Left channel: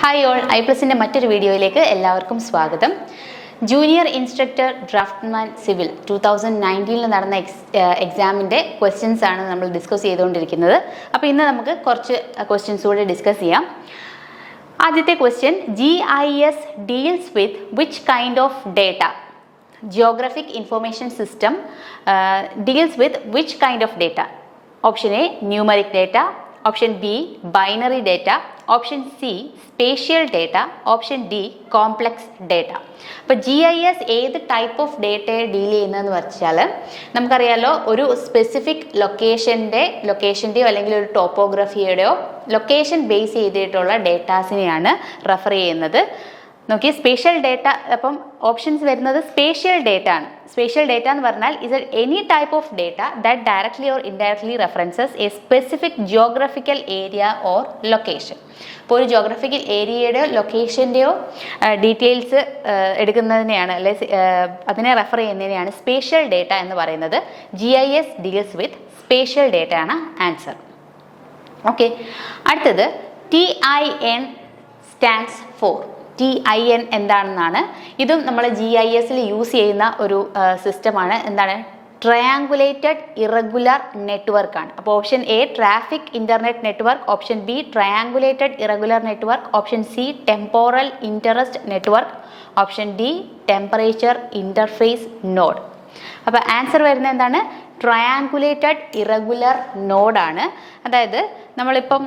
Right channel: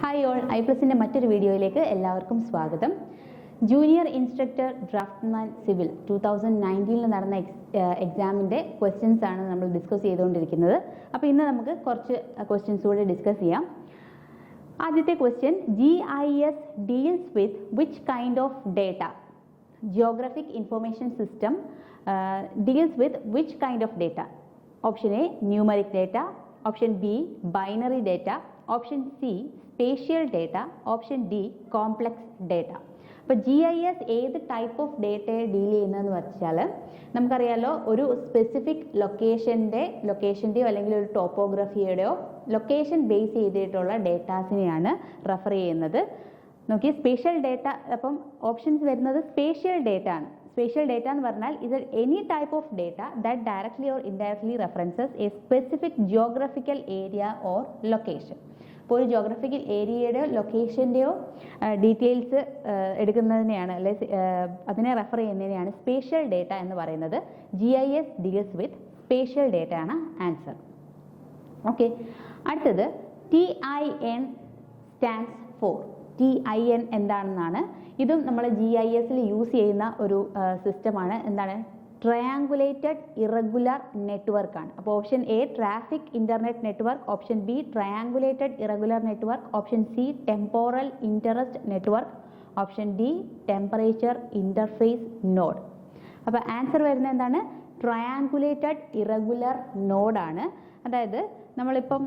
Hi all, ഐപ്ലസിൻ്റെ മറ്റൊരു വീഡിയോയിലേക്ക് എല്ലാവർക്കും സ്വാഗതം. ജൂനിയർ ഇൻസ്ട്രക്ടർ ഡ്രാഫ്റ്റ്മാൻ സിവിൽ 2019 നടന്ന എക്സാമിൻ്റെ ക്വസ്റ്റ്യൻസ് ആണ് നമ്മൾ ഡിസ്കസ് ചെയ്തുകൊണ്ടിരിക്കുന്നത്. അപ്പോൾ ഇന്ന് നമുക്ക് കുറച്ച് ക്വസ്റ്റ്യൻസ് കൂടെ ഡിസ്കസ് ചെയ്യാം. ആദ്യത്തെ question, GIS deals with which kind of data? Geographic information system deals with which kind of data? Option A numeric data, option B binary data, option C spatial data, option D complex data. അപ്പോൾ GIS ഏത് type of ഡേറ്റയെ deal ചെയ്യുന്നതെന്ന് വെച്ചാൽ നമുക്കറിയാലോ, ഒരു specific ലൊക്കേഷൻ്റെയോ അല്ലെങ്കിൽ ഒരു ടോപ്പോഗ്രഫിയുടെയോ location base ചെയ്തിട്ടുള്ള ഡേറ്റാസിനെയാണ് റെഫർ ചെയ്യുന്നത്. നോക്കി, സ്പേഷ്യൽ ഡേറ്റ, അപ്പം ഓപ്ഷൻസ് വരുന്നത് സ്പേഷ്യൽ ഡേറ്റ ആണ്. സ്പേഷ്യൽ ഡേറ്റ എന്ന് പറഞ്ഞാൽ is any type of data that directly or indirectly references A specific geographical area or location. ഇപ്പോൾ ഒരു ജിയോഗ്രഫിക്കൽ ഏരിയയുടെയോ ലൊക്കേഷൻ്റെയോ ഡീറ്റെയിൽസ് എടുക്കുന്നതിനെയാണ് അതിനെ റെഫർ ചെയ്യുന്നതിനെയാണ് സ്പേഷ്യൽ ഡേറ്റ എന്ന് പറയുന്നത്. GIS deals with spatial data ആണ് ആൻസർ. ഓക്കെ, അടുത്തത് TIN സ്റ്റാൻഡ്സ് ഫോർ. TIN എന്താണെന്നാണ്. ഇതും നമ്മൾ GISൽ യൂസ് ചെയ്യുന്ന ഒരു സിസ്റ്റമാണ്. എന്താണ്? ട്രയാങ്കുലേറ്റഡ് ഇറഗുലർ നെറ്റ്വർക്ക് ആണ്. അപ്പോൾ option A traffic internet network, option B triangulated irregular network, option C temporal interest network, option D temperature interface node. അപ്പോൾ ആൻസർ വരുന്നത് എന്താണ്? ട്രയാങ്കുലേറ്റഡ് ഇറഗുലർ നോഡാണ്. അതായത് നമ്മളിപ്പം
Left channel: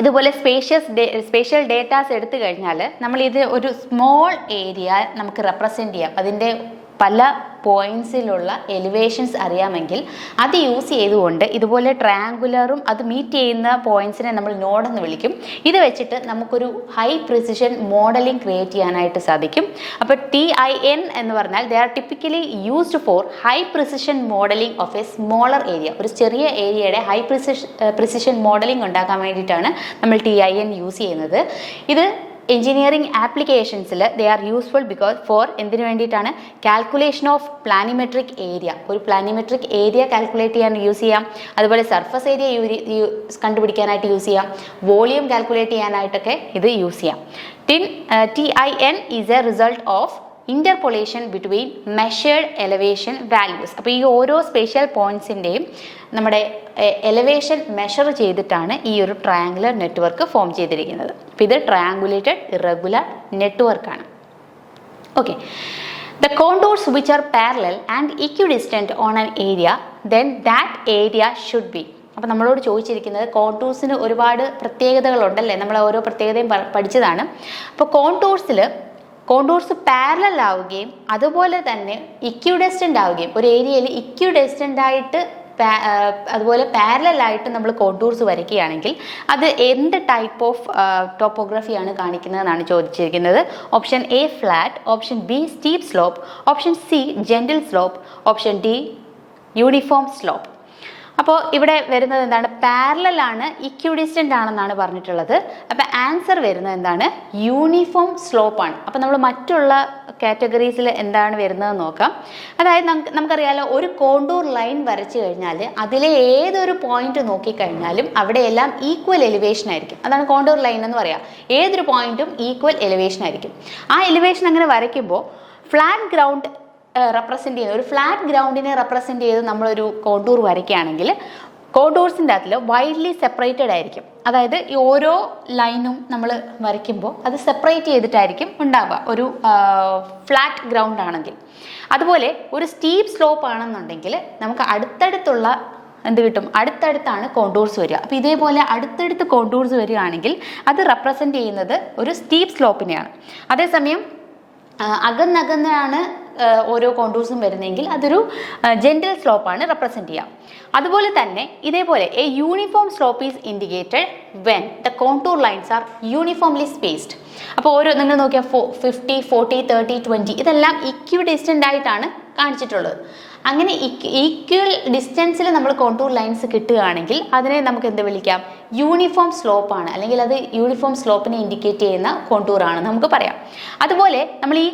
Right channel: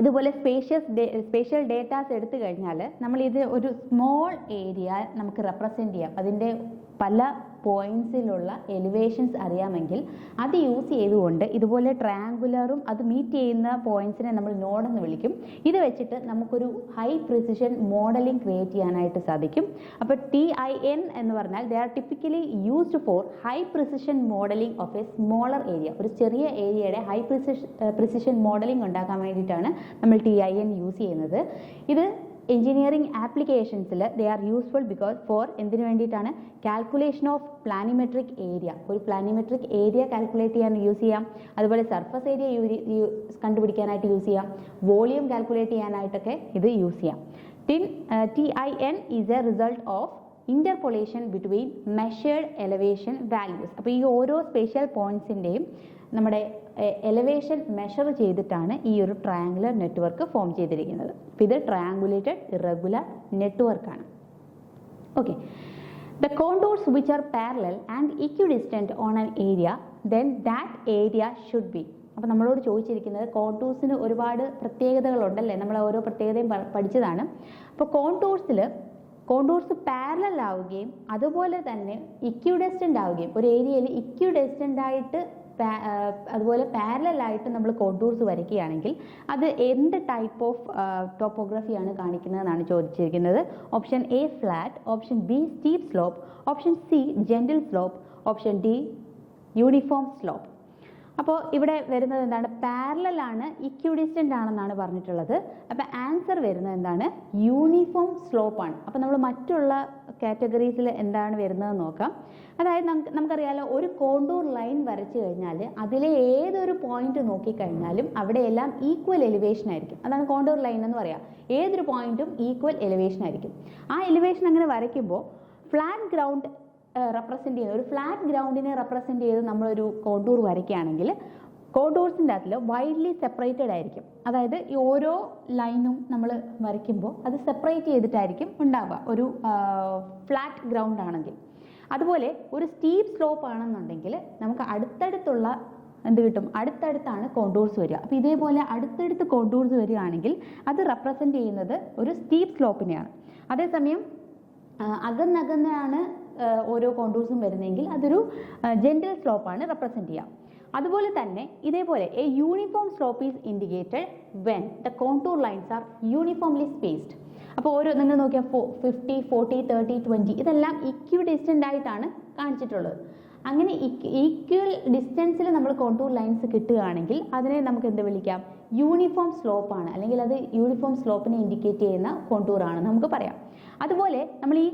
ഇതുപോലെ സ്പേഷ്യൽ ഡേറ്റാസ് എടുത്തു കഴിഞ്ഞാൽ നമ്മളിത് ഒരു സ്മോൾ ഏരിയ നമുക്ക് റെപ്രസെൻ്റ് ചെയ്യാം. അതിൻ്റെ പല പോയിൻറ്റ്സിലുള്ള എലിവേഷൻസ് അറിയാമെങ്കിൽ അത് യൂസ് ചെയ്തുകൊണ്ട് ഇതുപോലെ ട്രയാങ്കുലറും അത് മീറ്റ് ചെയ്യുന്ന പോയിൻറ്റ്സിനെ നമ്മൾ നോഡെന്ന് വിളിക്കും. ഇത് വെച്ചിട്ട് നമുക്കൊരു ഹൈ പ്രിസിഷൻ മോഡലിംഗ് ക്രിയേറ്റ് ചെയ്യാനായിട്ട് സാധിക്കും. അപ്പോൾ TIN എന്ന് പറഞ്ഞാൽ they are typically used for high precision modelling of A smaller area. ഒരു ചെറിയ ഏരിയയുടെ ഹൈ പ്രിസിഷൻ മോഡലിംഗ് ഉണ്ടാക്കാൻ വേണ്ടിയിട്ടാണ് നമ്മൾ TIN യൂസ് ചെയ്യുന്നത്. ഇത് എഞ്ചിനീയറിംഗ് ആപ്ലിക്കേഷൻസിൽ ദേ ആർ യൂസ്ഫുൾ ഫോർ എന്തിനു വേണ്ടിയിട്ടാണ്? Calculation of planimetric area. ഒരു പ്ലാനിമെട്രിക് ഏരിയ കാൽക്കുലേറ്റ് ചെയ്യാൻ യൂസ് ചെയ്യാം. അതുപോലെ സർഫസ് ഏരിയ കണ്ടുപിടിക്കാനായിട്ട് യൂസ് ചെയ്യാം. വോളിയം കാൽക്കുലേറ്റ് ചെയ്യാനായിട്ടൊക്കെ ഇത് യൂസ് ചെയ്യാം. TIN is a result of interpolation between measured elevation values. അപ്പോൾ ഈ ഓരോ സ്പേഷ്യൽ പോയിൻറ്റ്സിൻ്റെയും നമ്മുടെ എലവേഷൻ മെഷർ ചെയ്തിട്ടാണ് ഈ ഒരു ട്രയാങ്കുലർ നെറ്റ്വർക്ക് ഫോം ചെയ്തിരിക്കുന്നത്. അപ്പോൾ ഇത് ട്രയാങ്കുലേറ്റഡ് ഇറഗുലർ നെറ്റ്വർക്കാണ്. Okay, the contours which are parallel and equidistant on an area then that area should be. അപ്പോൾ നമ്മളോട് ചോദിച്ചിരിക്കുന്നത് കോണ്ടൂർസിന് ഒരുപാട് പ്രത്യേകതകളുണ്ടല്ലേ, നമ്മൾ ഓരോ പ്രത്യേകതയും പഠിച്ചതാണ്. അപ്പോൾ കോണ്ടൂർസ് പാരലൽ ആവുകയും അതുപോലെ തന്നെ ഇക്വിഡിസ്റ്റൻ്റ് ആവുകയും, ഒരു ഏരിയയിൽ ഇക്വിഡിസ്റ്റൻ്റ് ആയിട്ട് അതുപോലെ പാരലലായിട്ട് നമ്മൾ കോണ്ടൂർസ് വരയ്ക്കുകയാണെങ്കിൽ അത് എന്ത് ടൈപ്പ് ഓഫ് ടോപ്പോഗ്രഫിയാണ് കാണിക്കുന്നതെന്നാണ് ചോദിച്ചിരിക്കുന്നത്. Option A flat, option B steep slope, option C gentle slope, option D uniform slope. അപ്പോൾ ഇവിടെ വരുന്നത് എന്താണ്? പാരലലാണ്, ഇക്വിഡിസ്റ്റൻ്റ് ആണെന്നാണ് പറഞ്ഞിട്ടുള്ളത്. അപ്പോൾ ആൻസർ വരുന്നത് എന്താണ്? യൂണിഫോം സ്ലോപ്പാണ്. അപ്പോൾ നമ്മൾ മറ്റുള്ള കാറ്റഗറീസിൽ എന്താണ് വരുന്നതെന്ന് നോക്കാം. അതായത് നമുക്കറിയാലോ, ഒരു കോണ്ടൂർ ലൈൻ വരച്ചു കഴിഞ്ഞാൽ അതിലെ ഏതൊരു പോയിന്റ് നോക്കിക്കഴിഞ്ഞാലും അവിടെയെല്ലാം ഈക്വൽ എലിവേഷൻ ആയിരിക്കും. അതാണ് കോണ്ടൂർ ലൈൻ എന്ന് പറയാം. ഏതൊരു പോയിന്റും ഈക്വൽ എലിവേഷൻ ആയിരിക്കും. ആ എലിവേഷൻ അങ്ങനെ വരയ്ക്കുമ്പോൾ ഫ്ലാറ്റ് ഗ്രൗണ്ട് റെപ്രസെൻ്റ് ചെയ്യുന്ന ഒരു ഫ്ലാറ്റ് ഗ്രൗണ്ടിനെ റെപ്രസെൻ്റ് ചെയ്ത് നമ്മളൊരു കോണ്ടൂർ വരയ്ക്കുകയാണെങ്കിൽ കോണ്ടൂർസിൻ്റെ അതിൽ വൈഡ്ലി സെപ്പറേറ്റഡ് ആയിരിക്കും. അതായത് ഈ ഓരോ ലൈനും നമ്മൾ വരയ്ക്കുമ്പോൾ അത് സെപ്പറേറ്റ് ചെയ്തിട്ടായിരിക്കും ഉണ്ടാവുക ഒരു ഫ്ലാറ്റ് ഗ്രൗണ്ട് ആണെങ്കിൽ. അതുപോലെ ഒരു സ്റ്റീപ്പ് സ്ലോപ്പ് ആണെന്നുണ്ടെങ്കിൽ നമുക്ക് അടുത്തടുത്തുള്ള എന്ത് കിട്ടും? അടുത്തടുത്താണ് കോണ്ടൂർസ് വരിക. അപ്പോൾ ഇതേപോലെ അടുത്തടുത്ത് കോണ്ടൂർസ് വരികയാണെങ്കിൽ അത് റെപ്രസെൻ്റ് ചെയ്യുന്നത് ഒരു സ്റ്റീപ്പ് സ്ലോപ്പിനെയാണ്. അതേസമയം അകന്നകന്നാണ് ഓരോ കോണ്ടൂർസും വരുന്നതെങ്കിൽ അതൊരു ജെൻറ്റിൽ സ്ലോപ്പാണ് റെപ്രസെൻ്റ് ചെയ്യുക. അതുപോലെ തന്നെ ഇതേപോലെ A uniform slope is indicated when the contour lines are uniformly spaced. അപ്പോൾ ഓരോ നിങ്ങൾ നോക്കിയാൽ 50, 40, 30, 20 ഇതെല്ലാം ഇക്വിഡിസ്റ്റൻ്റ് ആയിട്ടാണ് കാണിച്ചിട്ടുള്ളത്. അങ്ങനെ ഈക്വൽ ഡിസ്റ്റൻസിൽ നമ്മൾ കോണ്ടൂർ ലൈൻസ് കിട്ടുകയാണെങ്കിൽ അതിനെ നമുക്ക് എന്ത് വിളിക്കാം? യൂണിഫോം സ്ലോപ്പാണ്, അല്ലെങ്കിൽ അത് യൂണിഫോം സ്ലോപ്പിനെ ഇൻഡിക്കേറ്റ് ചെയ്യുന്ന കോണ്ടൂറാണ് നമുക്ക് പറയാം. അതുപോലെ നമ്മൾ ഈ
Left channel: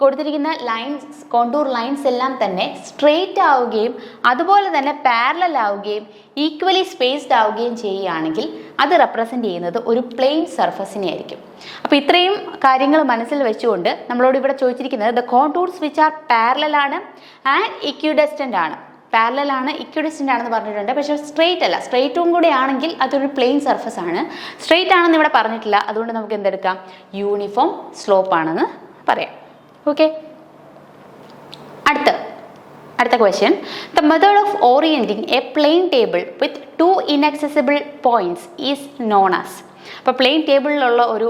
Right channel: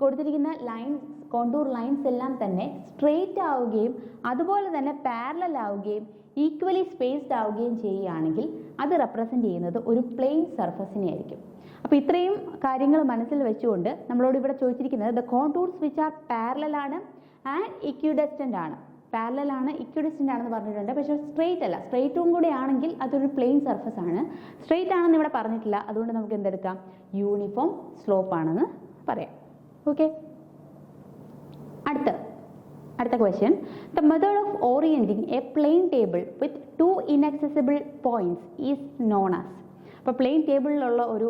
കൊടുത്തിരിക്കുന്ന ലൈൻസ്, കോണ്ടൂർ ലൈൻസ് എല്ലാം തന്നെ സ്ട്രെയിറ്റ് ആവുകയും അതുപോലെ തന്നെ പാരലൽ ആവുകയും ഈക്വലി സ്പേസ്ഡ് ആവുകയും ചെയ്യുകയാണെങ്കിൽ അത് റെപ്രസെൻ്റ് ചെയ്യുന്നത് ഒരു പ്ലെയിൻ സർഫസിനെ ആയിരിക്കും. അപ്പോൾ ഇത്രയും കാര്യങ്ങൾ മനസ്സിൽ വെച്ചുകൊണ്ട് നമ്മളോട് ഇവിടെ ചോദിച്ചിരിക്കുന്നത് the contours which are parallel ആണ് ആൻഡ് ഇക്വിഡിസ്റ്റൻ്റ് ആണ്. പാരലൽ ആണ്, ഇക്വിഡിസ്റ്റൻ്റ് ആണെന്ന് പറഞ്ഞിട്ടുണ്ട്. പക്ഷേ സ്ട്രെയിറ്റ് അല്ല. സ്ട്രെയിറ്റും കൂടെ ആണെങ്കിൽ അതൊരു പ്ലെയിൻ സർഫസ് ആണ്. സ്ട്രെയിറ്റ് ആണെന്ന് ഇവിടെ പറഞ്ഞിട്ടില്ല. അതുകൊണ്ട് നമുക്ക് എന്തെടുക്കാം? യൂണിഫോം സ്ലോപ്പ് ആണെന്ന് പറയാം. ഓക്കെ, അടുത്ത question. The method of orienting a plane table with 2 inaccessible points is known as. അപ്പോൾ പ്ലെയിൻ ടേബിളിലുള്ള ഒരു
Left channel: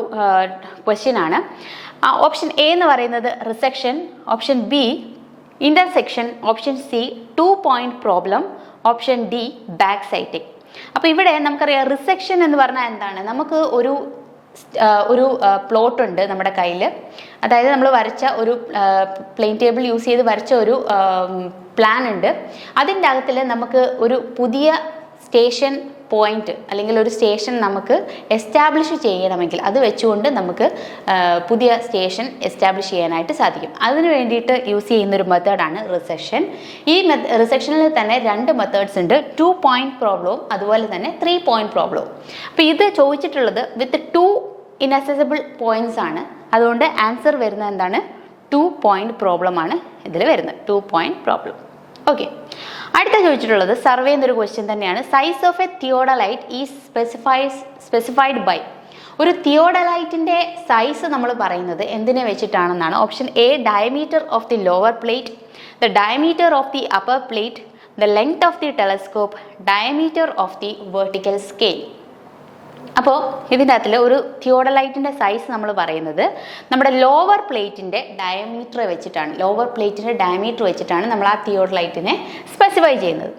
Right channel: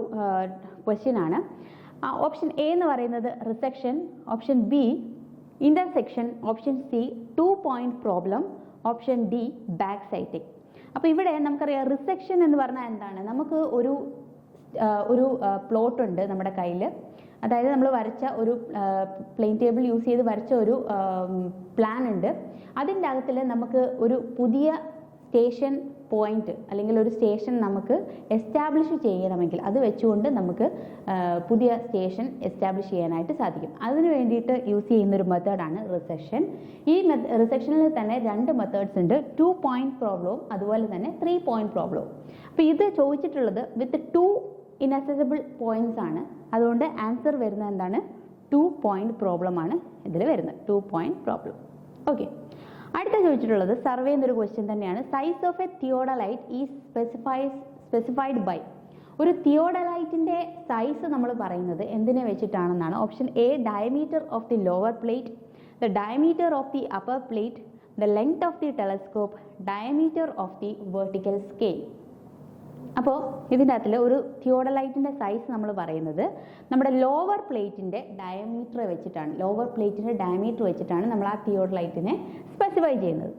ക്വസ്റ്റ്യൻ ആണ്. ഓപ്ഷൻ എ എന്ന് പറയുന്നത് resection, option B intersection, option C 2-point problem, option D back sighting. അപ്പോൾ ഇവിടെ നമുക്കറിയാം റിസെക്ഷൻ എന്ന് പറഞ്ഞാൽ എന്താണ്? നമുക്ക് ഒരു പ്ലോട്ട് ഉണ്ട് നമ്മുടെ കയ്യിൽ. അതായത് നമ്മൾ വരച്ച ഒരു പ്ലെയിൻ ടേബിൾ യൂസ് ചെയ്ത് വരച്ച ഒരു പ്ലാൻ ഉണ്ട്. അതിൻ്റെ അകത്തിൽ നമുക്ക് ഒരു പുതിയ സ്റ്റേഷൻ പോയിന്റ് അല്ലെങ്കിൽ ഒരു സ്റ്റേഷൻ നമുക്ക് എസ്റ്റാബ്ലിഷ് ചെയ്യണമെങ്കിൽ അത് വെച്ചുകൊണ്ട് നമുക്ക് പുതിയ സ്റ്റേഷൻ എസ്റ്റാബ്ലിഷ് ചെയ്യാനായിട്ട് സാധിക്കും. അതിന് വേണ്ടിയിട്ട് യൂസ് ചെയ്യുന്നൊരു മെത്തേഡാണ് റിസെക്ഷൻ. ഈ റിസെക്ഷനിൽ തന്നെ 2 മെത്തേഡ്സ് ഉണ്ട്. 2-point പ്രോബ്ലവും അതുപോലെ തന്നെ 3-point പ്രോബ്ലവും. അപ്പോൾ ഇത് ചോദിച്ചിട്ടുള്ളത് വിത്ത് 2 inaccessible പോയിന്റ്സ് ആണ്. അതുകൊണ്ട് ആൻസർ വരുന്നത് എന്താണ്? 2-point പ്രോബ്ലം ആണ് ഇതിൽ വരുന്നത്. 2-point problem. ഓക്കെ, അടുത്ത ചോദിച്ചിട്ടുള്ളത് സർവേ എന്നൊരു ക്വസ്റ്റ്യൻ തന്നെയാണ്. Size of a theodolite is specified by. ഒരു തിയോഡലൈറ്റിൻ്റെ സൈസ് നമ്മൾ പറയുന്നത് എന്തിനെ വെച്ചിട്ടാണെന്നാണ്. Option A diameter of the lower plate, the diameter of the upper plate, the length of the telescope, diameter of the vertical scale. അപ്പോൾ ഇതിൻ്റെ അകത്തിൽ ഒരു തിയോഡലൈറ്റിൻ്റെ സൈസ് നമ്മൾ പറയുന്നത് നമ്മുടെ ലോവർ പ്ലേറ്റിൻ്റെ ഡയമീറ്റർ വെച്ചിട്ടാണ് നമ്മൾ ആ തിയോഡലൈറ്റിനെ സ്പെസിഫൈ ചെയ്യുന്നത്.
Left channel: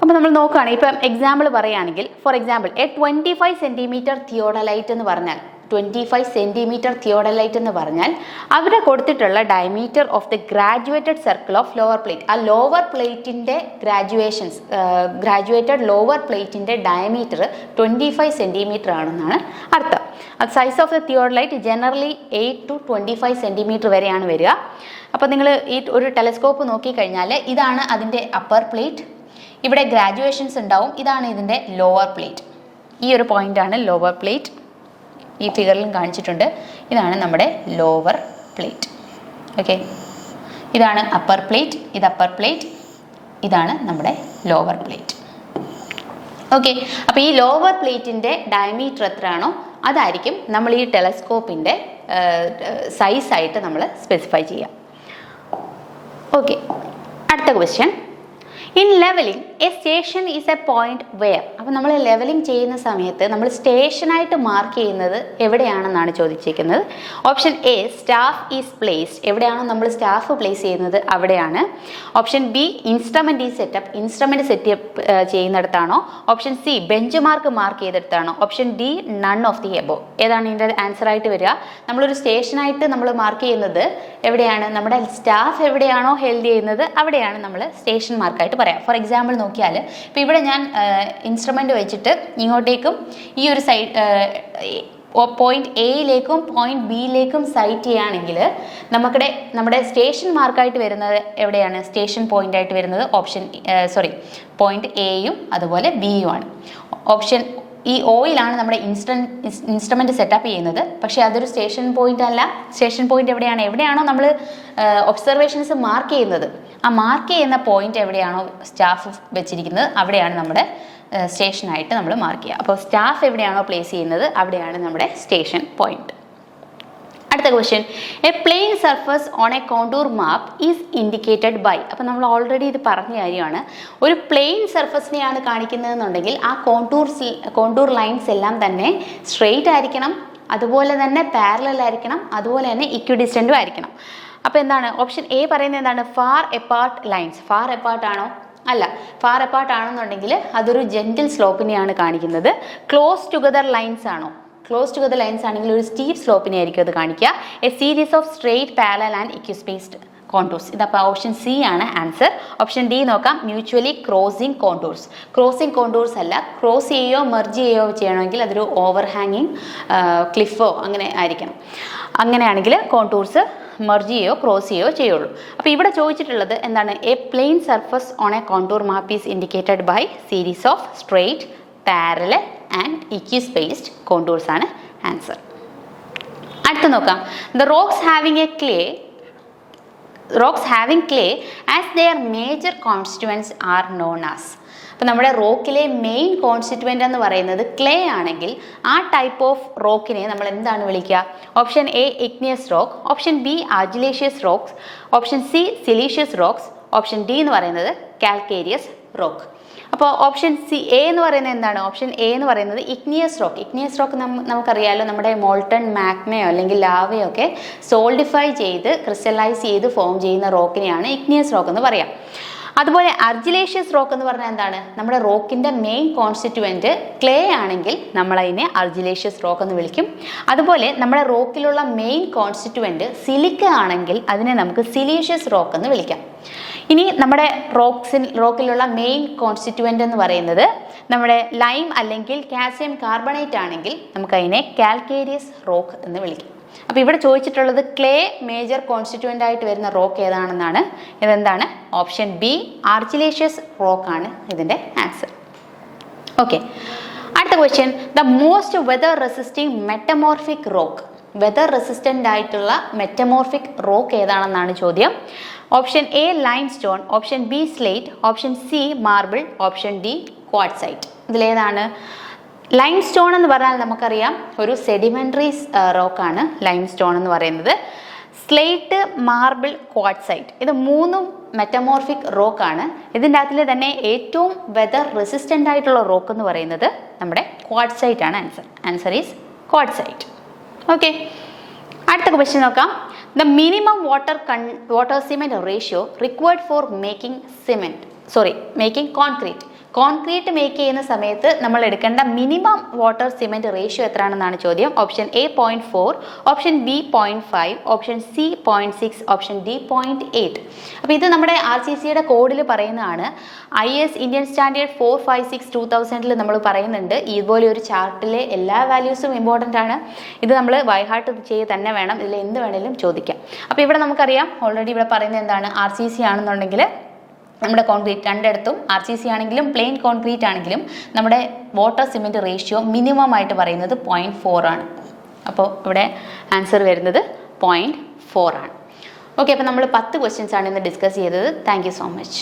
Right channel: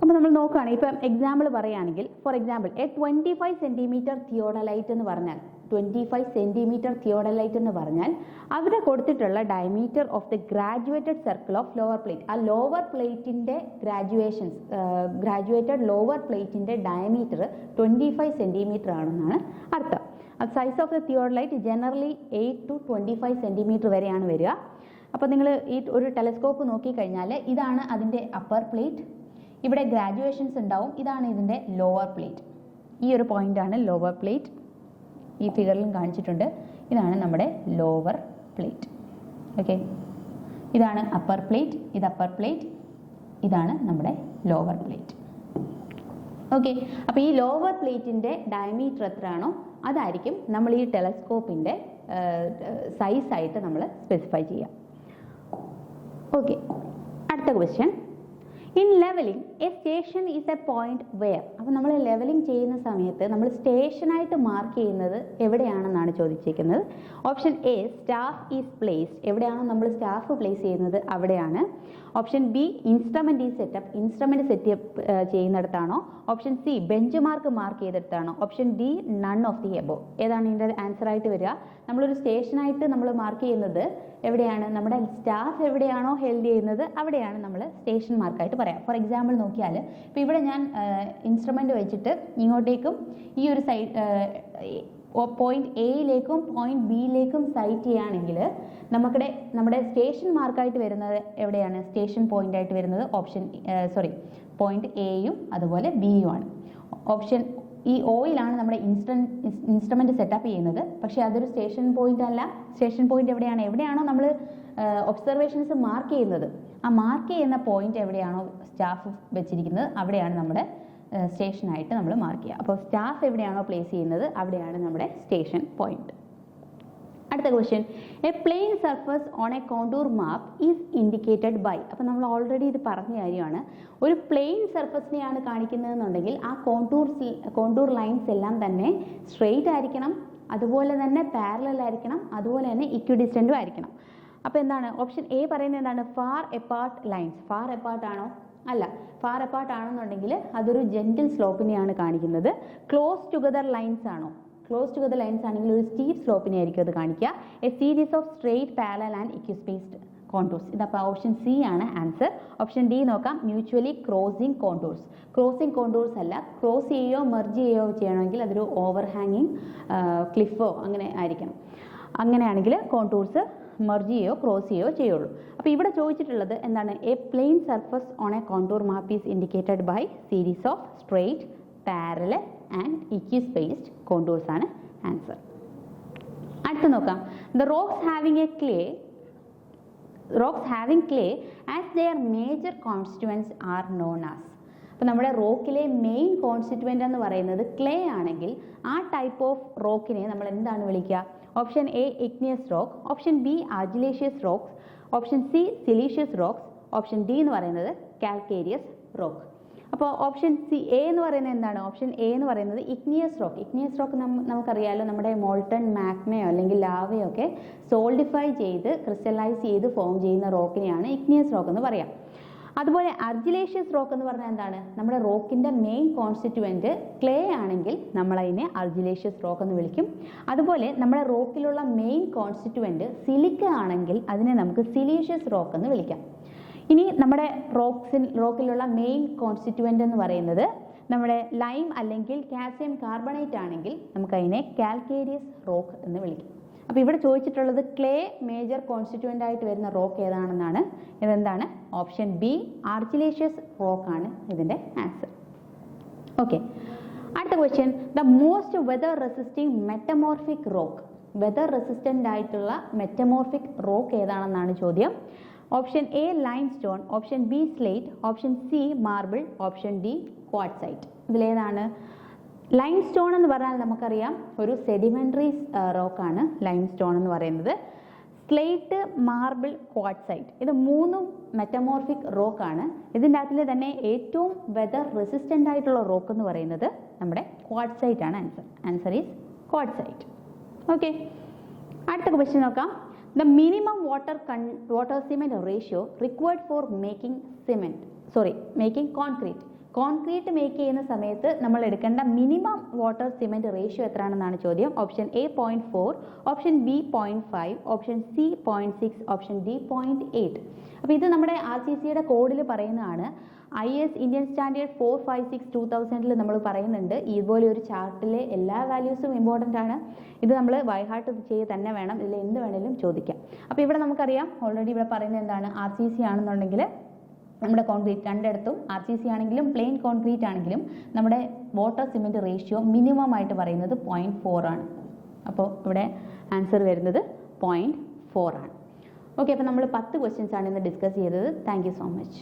അപ്പോൾ നമ്മൾ നോക്കുകയാണെങ്കിൽ ഇപ്പം എക്സാമ്പിൾ പറയുകയാണെങ്കിൽ, for example a 25 centimetre theodolite എന്ന് പറഞ്ഞാൽ 25 സെൻറ്റിമീറ്റർ തിയോഡലൈറ്റ് എന്ന് പറഞ്ഞാൽ അവിടെ കൊടുത്തിട്ടുള്ള diameter of the graduated circle of lower plate, ആ ലോവർ പ്ലേറ്റിൻ്റെ ഗ്രാജുവേറ്റഡ് ലോവർ പ്ലേറ്റിൻ്റെ ഡയമീറ്റർ 25 സെൻറ്റിമീറ്റർ ആണെന്നാണ് അർത്ഥം. അത് size of the theodolite generally 8 to 25 centimetre വരെയാണ് വരിക. അപ്പോൾ നിങ്ങൾ ഈ ഒരു ടെലസ്കോപ്പ് നോക്കിക്കഴിഞ്ഞാൽ ഇതാണ് അതിൻ്റെ അപ്പർ പ്ലേറ്റ്, ഇവിടെ ഗ്രാജുവേഷൻസ് ഉണ്ടാവും, ഇതാണ് ഇതിൻ്റെ ലോവർ പ്ലേറ്റ്. ഈ ഒരു പോയിൻ്റാണ് ലോവർ പ്ലേറ്റ്. ഈ ഫിഗറിലും കാണിച്ചിട്ടുണ്ട്. ഇതാണ് നമ്മുടെ ലോവർ പ്ലേറ്റ്. ഓക്കെ, ഇതാണ് അപ്പർ പ്ലേറ്റ്, ഇത് അപ്പർ പ്ലേറ്റ്, ഇതാണ് നമ്മുടെ ലോവർ പ്ലേറ്റ്. ഓക്കെ, അപ്പോൾ ഈ ലോവർ പ്ലേറ്റിൻ്റെ ഡയമീറ്റർ എത്രയാണോ അതായിരിക്കും നമ്മൾ ഈ ടെലസ്കോപ്പിൻ്റെ സൈസായിട്ട് നമ്മൾ സ്പെസിഫൈ ചെയ്യാം. ഓക്കെ, അടുത്ത question. In levelling a station is a point where. അപ്പോൾ നമ്മൾ ലെവലിംഗ് ചെയ്യുന്ന സമയത്ത് നമ്മൾ സ്റ്റേഷനായിട്ട് മാർക്ക് ചെയ്യുന്നത് എവിടെയാണെന്നാണ് ചോദിച്ചിരിക്കുന്നത്. Option A staff is placed, എവിടെയാണോ നമ്മൾ സ്റ്റാഫ് പ്ലേസ് ചെയ്യുന്നത് അവിടെയാണ്. Option B instrument is setup, instrument setup ചെയ്യുന്നിടത്താണോ. ഓപ്ഷൻ സി ബെഞ്ച് മാർക്ക് ചെയ്തെടുത്താണോ. Option D none of the above. ഏതാണ് ഇതിൻ്റെ ആൻസർ ആയിട്ട് വരിക? നമ്മളൊരു സ്റ്റേഷനായിട്ട് നമ്മൾ മാർക്ക് ചെയ്യുന്നത് എവിടെയാണ്? നമ്മുടെ സ്റ്റാഫ് എവിടെയാണോ ഹെൽഡ് ചെയ്യുന്നത് അവിടെയാണ് നമ്മൾ സ്റ്റേഷൻ മാർക്കായിട്ട് പറയാം. ഫോർ എക്സാമ്പിൾ നോക്കിയാൽ ഇപ്പോൾ ഇവിടെ ഞാൻ ഇൻസ്ട്രുമെൻ്റ് വെച്ചിട്ട് ഇങ്ങോട്ടേക്കും ഈ ഒരു സൈഡ് പോയിന്റ് എയിലേക്കും പോയിന്റ് ബിയിലേക്കും സൈറ്റ് ചെയ്യുകയാണെങ്കിൽ നമ്മുടെ സ്റ്റേഷൻ മാർക്കായിട്ട് വരുന്നത് എവിടെയാണ്? സ്റ്റേഷൻ പോയിന്റ് ആയിട്ട് വരുന്നത് പോയിന്റ് എയും അതുപോലെ ബിയും ആണ്. ഓപ്ഷൻ ഈ ഓയിലാണ് നമ്മുടെ ഇൻസ്ട്രുമെൻ്റ് സെറ്റപ്പ് ചെയ്യുന്നത്. പക്ഷേ അതൊരു സ്റ്റേഷൻ പോയിന്റ് അല്ല. സ്റ്റേഷൻ പോയിന്റ് എവിടെയാണോ നമ്മൾ ഒബ്സർവേഷൻസ് മാർക്ക് ചെയ്യുന്നത്, ആ മാർക്ക് ചെയ്യുന്ന പോയിന്റ് എവിടെയാണോ സ്റ്റാഫ് വെച്ചിരിക്കുന്നത് അവിടെയാണ് നമ്മുടെ സ്റ്റേഷനായിട്ട് നമ്മൾ മാർക്ക് ചെയ്യുക. അപ്പോൾ സ്റ്റാഫ് എവിടെയാണോ പ്ലേസ് ചെയ്യുന്നത് അവിടെയാണ് നമ്മുടെ സ്റ്റേഷൻ പോയിന്റ്. അടുത്ത question. A plane surface on a contour map is indicated by. അപ്പോൾ നമ്മൾ ഓൾറെഡി ഇത് പറഞ്ഞ കാര്യമാണ്. ഒരു പ്ലെയിൻ സർഫസിനെയാണ് കാണിക്കുന്നതെന്നുണ്ടെങ്കിൽ ആ കോണ്ടൂർ ലൈൻസ് എല്ലാം തന്നെ സ്ട്രെയിറ്റ് ആയിരിക്കണം, അതുപോലെ തന്നെ പാരലൽ ആയിരിക്കണം, അതുപോലെ തന്നെ ഇക്വിഡിസ്റ്റൻറ്റും ആയിരിക്കണം. അപ്പോൾ എന്താണ് ഓപ്ഷൻ എ പറയുന്നത്? എന്താണ്? Far apart lines. Far apart ആണോ? അല്ല. ഫാർ എപ്പാർട്ട് ആണെന്നുണ്ടെങ്കിൽ അതൊരു ജെൻറ്റിൽ സ്ലോപ്പിനെയാണ് കാണിക്കുന്നത്. ക്ലോസ് ടുഗദർ ലൈൻസ് ആണോ? ക്ലോസ് ടുഗദർ ലൈൻസ് ആണെങ്കിൽ ഒരു സ്റ്റീപ്പ് സ്ലോപ്പിനെ ആയിരിക്കും അത് കാണിക്കുക. A series of straight parallel and equispaced contours. ഇതപ്പോൾ ഓപ്ഷൻ സി ആണ് ആൻസർ. ഓപ്ഷൻ ഡി നോക്കാം, mutually crossing contours. Crossing contours അല്ല, ക്രോസ് ചെയ്യുകയോ മെർജ് ചെയ്യുകയോ ചെയ്യണമെങ്കിൽ അതൊരു ഓവർ ഹാങ്ങിങ് ക്ലിഫോ അങ്ങനെ ആയിരിക്കണം. അങ്ങനെയാണെങ്കിൽ കോണ്ടൂർസ് മെർജ് ചെയ്യുകയോ ക്രോസ് ചെയ്യുകയോ ചെയ്യുള്ളൂ. അപ്പോൾ ഇവിടെ ചോദിച്ചിട്ടുള്ളത് എന്താണ്? A plane surface on a contour map is indicated by series of straight, parallel and equispaced contours ആണ് ആൻസർ. അടുത്ത് നോക്കാം, the rocks having clay as their major constituents are known as. അപ്പോൾ നമ്മുടെ റോക്കിലെ മെയിൻ കോൺസ്റ്റിറ്റ്യുവൻ്റ് എന്ന് പറയുന്നത് clay ആണെങ്കിൽ ആ type of റോക്കിനെ നമ്മൾ എന്താണ് വിളിക്കുക? Option A igneous rock, option B argillaceous rocks, option C siliceous rocks, option D എന്ന് പറയുന്നത് കാൽക്കേരിയസ് റോക്ക്. അപ്പോൾ ഓപ്ഷൻ എ എന്ന് പറയുന്നത് എന്താണ്? ഓപ്ഷൻ എ എന്ന് പറയുന്നത് ഇഗ്നിയസ് റോക്ക്. ഇഗ്നിയസ് റോക്ക് നമുക്കറിയാമല്ലോ, നമ്മുടെ മോൾട്ടൺ മാഗ്മയോ അല്ലെങ്കിൽ ലാവയോ ഒക്കെ സോൾഡിഫൈ ചെയ്ത് ക്രിസ്റ്റലൈസ് ചെയ്ത് ഫോം ചെയ്യുന്ന റോക്കിനെയാണ് ഇഗ്നിയസ് റോക്ക് എന്ന് പറയാം. അതുപോലെ അർജിലേഷ്യസ് റോക്ക് എന്ന് പറഞ്ഞാൽ എന്താണ്? നമ്മുടെ റോക്കിൻ്റെ മെയിൻ കോൺസ്റ്റിറ്റ്യുവൻറ്റ് ക്ലേ ആണെങ്കിൽ നമ്മളതിനെ അർജിലേഷ്യസ് റോക്ക് എന്ന് വിളിക്കും. അതുപോലെ നമ്മുടെ റോക്കിലുള്ള മെയിൻ കോൺസ്റ്റിറ്റ്യുവൻറ്റ് സിലിക്ക ആണെങ്കിൽ അതിനെ നമുക്ക് സിലീഷ്യസ് റോക്ക് എന്ന് വിളിക്കാം. ഇനി നമ്മുടെ റോക്കിലുള്ള മെയിൻ കോൺസ്റ്റിറ്റ്യുവൻ്റ് എന്ന് പറയുന്നത് നമ്മുടെ ലൈം അല്ലെങ്കിൽ കാൽസ്യം കാർബണേറ്റ് ആണെങ്കിൽ നമുക്കതിനെ കാൽക്കേരിയസ് റോക്ക് എന്ന് വിളിക്കും. അപ്പോൾ ഇവിടെ ചോദിച്ചിട്ടുള്ളത് ക്ലേ മേജർ കോൺസ്റ്റിറ്റ്യുവൻ്റ് ആയിട്ട് വരുന്ന റോക്ക് ഏതാണെന്നാണ്. ഇതെന്താണ്? ഓപ്ഷൻ ബി ആർജിലേഷ്യസ് റോക്ക് ആണ് ഇതിൻ്റെ ആൻസർ. ഓക്കെ, അടുത്ത question, the most weather resisting metamorphic rock. Weather resistant ആയിട്ടുള്ള മെറ്റമോർഫിക് റോക്ക് ഏതാണെന്നാണ് ചോദ്യം. Option A limestone, option B slate, option C marble, option D quartzite. ഇതിലേതാണ്? ലൈംസ്റ്റോൺ എന്ന് പറഞ്ഞാൽ നമുക്കറിയാം ഒരു സെഡിമെൻ്ററി റോക്കാണ് ലൈംസ്റ്റോൺ എന്ന് പറയുന്നത്. സ്ലേറ്റ്, മാർബിൾ, ക്വാർട്സൈറ്റ് ഇത് മൂന്നും മെറ്റമോർഫിക് റോക്കാണ്. ഇതിൻ്റെ അകത്തിൽ തന്നെ ഏറ്റവും വെതർ റെസിസ്റ്റൻ്റ് ആയിട്ടുള്ള റോക്ക് എന്ന് പറയുന്നത് നമ്മുടെ ക്വാർട്സൈറ്റ് ആണ് answer. Answer is quartzite. Okay, അടുത്ത ക്വസ്റ്റ്യൻ നോക്കാം. The minimum water cement ratio required for making concrete make ചെയ്യുന്ന സമയത്ത് നമ്മൾ എടുക്കേണ്ട മിനിമം വാട്ടർ സിമെൻറ്റ് റേഷ്യോ എത്രയാണെന്നാണ് ചോദ്യം. Option A 0.4, option B 0.5, option C 0.6, option D 0.8. അപ്പോൾ ഇത് നമ്മുടെ RCCയുടെ കോഡിൽ പറയുന്നതാണ്. IS ഇന്ത്യൻ സ്റ്റാൻഡേർഡ് 456/2000 നമ്മൾ പറയുന്നുണ്ട്. ഇതുപോലെ ഒരു ചാർട്ടിലെ എല്ലാ വാല്യൂസും ഇമ്പോർട്ടൻ്റ് ആണ്. ഇത് നമ്മൾ ബൈഹാർട്ട് ചെയ്ത് തന്നെ വേണം, ഇതിൽ എന്ത് വേണേലും ചോദിക്കാം. അപ്പോൾ ഇവിടെ നമുക്കറിയാം ഓൾറെഡി ഇവിടെ പറയുന്നത് എന്താണ്? RCC ആണെന്നുണ്ടെങ്കിൽ നമ്മുടെ കോൺക്രീറ്റ് രണ്ടിടത്തും RCC ആണെങ്കിലും പ്ലെയിൻ കോൺക്രീറ്റ് ആണെങ്കിലും നമ്മുടെ വാട്ടർ സിമെൻറ്റ് റേഷ്യോ മിനിമം ആയിട്ട് പറയുന്നത് 0.4 ആണ്. അപ്പോൾ ഇവിടെ ആൻസർ വരുന്നത് 0.4 ആണ്. ഓക്കെ, അപ്പോൾ നമ്മൾ 10 ക്വസ്റ്റ്യൻസ് ആണ് ഇന്ന് ഡിസ്കസ് ചെയ്തത്. Thank you so much.